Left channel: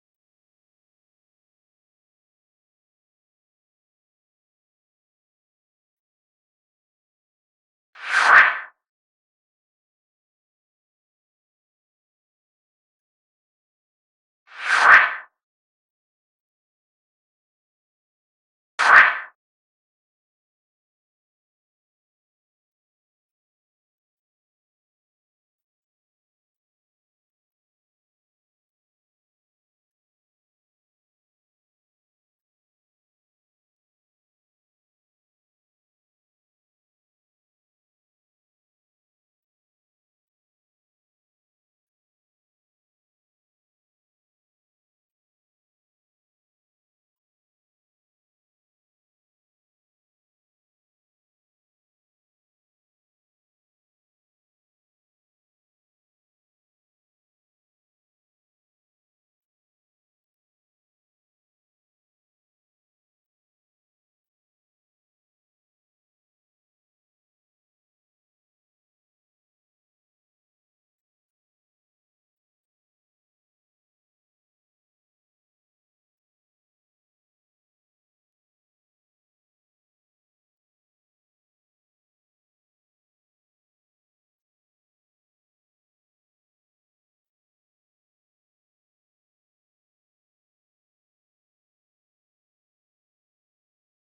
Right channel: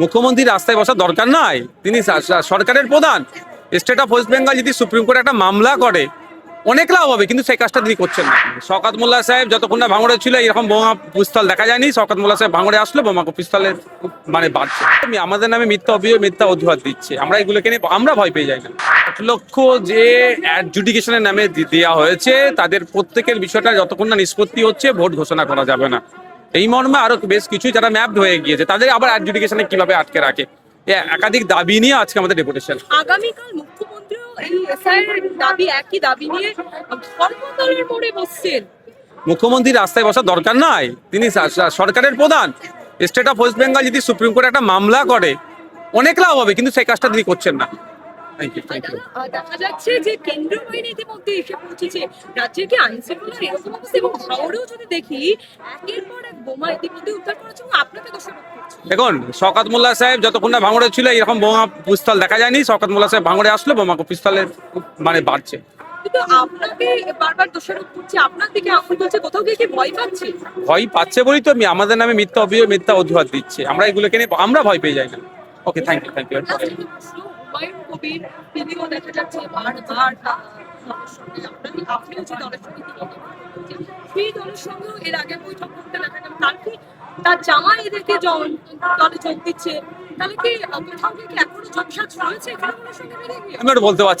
মুখ্যমন্ত্রী রাস্তায় বসার দরকার নাই, তিনি সরকারের প্রধান। স্টেট অফ ওয়েস্ট বেঙ্গল যদি সুপ্রিম কোর্টে একটা মামলা করে অনেক লাভ হবে, কিন্তু সেই কাজটা তিনি করছেন না। শওকত মোল্লা সাহেব যতক্ষণ না ভাঙড়ে ছিল এরকম বোমা পিস্তল দেখা যায়নি। শওকত মোল্লা সাহেব ভাঙড়ে আসলে বোমা পিস্তলের বাড়ছে। আমাদের নামে মিথ্যা অভিযোগ, মিথ্যা অজুহাত দিচ্ছে। আমরা এগুলোকে নিয়ে আমরা ভয় পেয়ে যাই না। 8 লক্ষ যে অ্যাডজুডিকেশনের নামে দেওয়া হয়েছে তাদের প্রত্যেকের বিষয়টা যতক্ষণ না নিষ্পত্তি হচ্ছে ভোট ঘোষণা করা যাবে না। এই মর্মে আরো বেশ কিছু যারা ম্যাপড হয়ে গিয়েছে তাদের আবার অ্যাডজুডিকেশনে কিভাবে আটকে রাখে, একাধিক দাবি নিয়ে আজকে আমাদের ডেপুটেশন। আগামীকাল মুখ্যমন্ত্রীও এই এসআইআর দাবি, একই দাবি নিয়ে ধর্মতলার মোড়ে বসছেন। মুখ্যমন্ত্রী রাস্তায় বসার দরকার নাই, তিনি সরকারের প্রধান। স্টেট অফ ওয়েস্ট বেঙ্গল যদি সুপ্রিম কোর্টে একটা মামলা করে অনেক লাভ হবে, কিন্তু সেই কাজটা তিনি করছেন না। দেখা যাচ্ছে যে কেন্দ্রীয় বাহিনী ইতিমধ্যে এসে পৌঁছেছে। রাজ্যের কি আইন শৃঙ্খলার এরকম অবস্থা, এবং ভাঙড়েও যদি দেখি একের পর এক বোমা ইতিমধ্যে উদ্ধার করেছে এবং আপনাকে দোষারোপ করছে। দেখুন, শওকত মোল্লা সাহেব যতক্ষণ না ভাঙড়ে ছিল এরকম বোমা পিস্তল দেখা যায়নি। শওকত মোল্লা সাহেব ভাঙড়ে আসলে বোমা পিস্তলের বাড়ছে। কিন্তু আপনাকে বারবার দোষারোপ করছে, আপনার দিকে আঙুল তুলছে, কোথাও গিয়ে কি ভয় পাচ্ছে? ভয় পাচ্ছে বলেই তো আমাদের নামে মিথ্যা অভিযোগ, মিথ্যা অজুহাত দিচ্ছে। আমরা এগুলোকে নিয়ে আমরা ভয় পেয়ে যাই না। ওকে, থ্যাংক ইউ। হুমায়ুন কবির তিনিও দেখা যাচ্ছে বারবার দলের সঙ্গে আপনিও যে দলের সঙ্গে তিনি কথা বলছেন, সেই দলের সঙ্গেও এর আগে বৈঠক করতে দেখা গেল। তার কি তার জামাই এদেরকে দলে যোগ দিচ্ছে? তাহলে কি কোথাও গিয়ে কি এখনো যোগসাজ রয়েছে তৃণমূলের সঙ্গে মিলে গিয়ে? আমি ওটা বলতে পারছি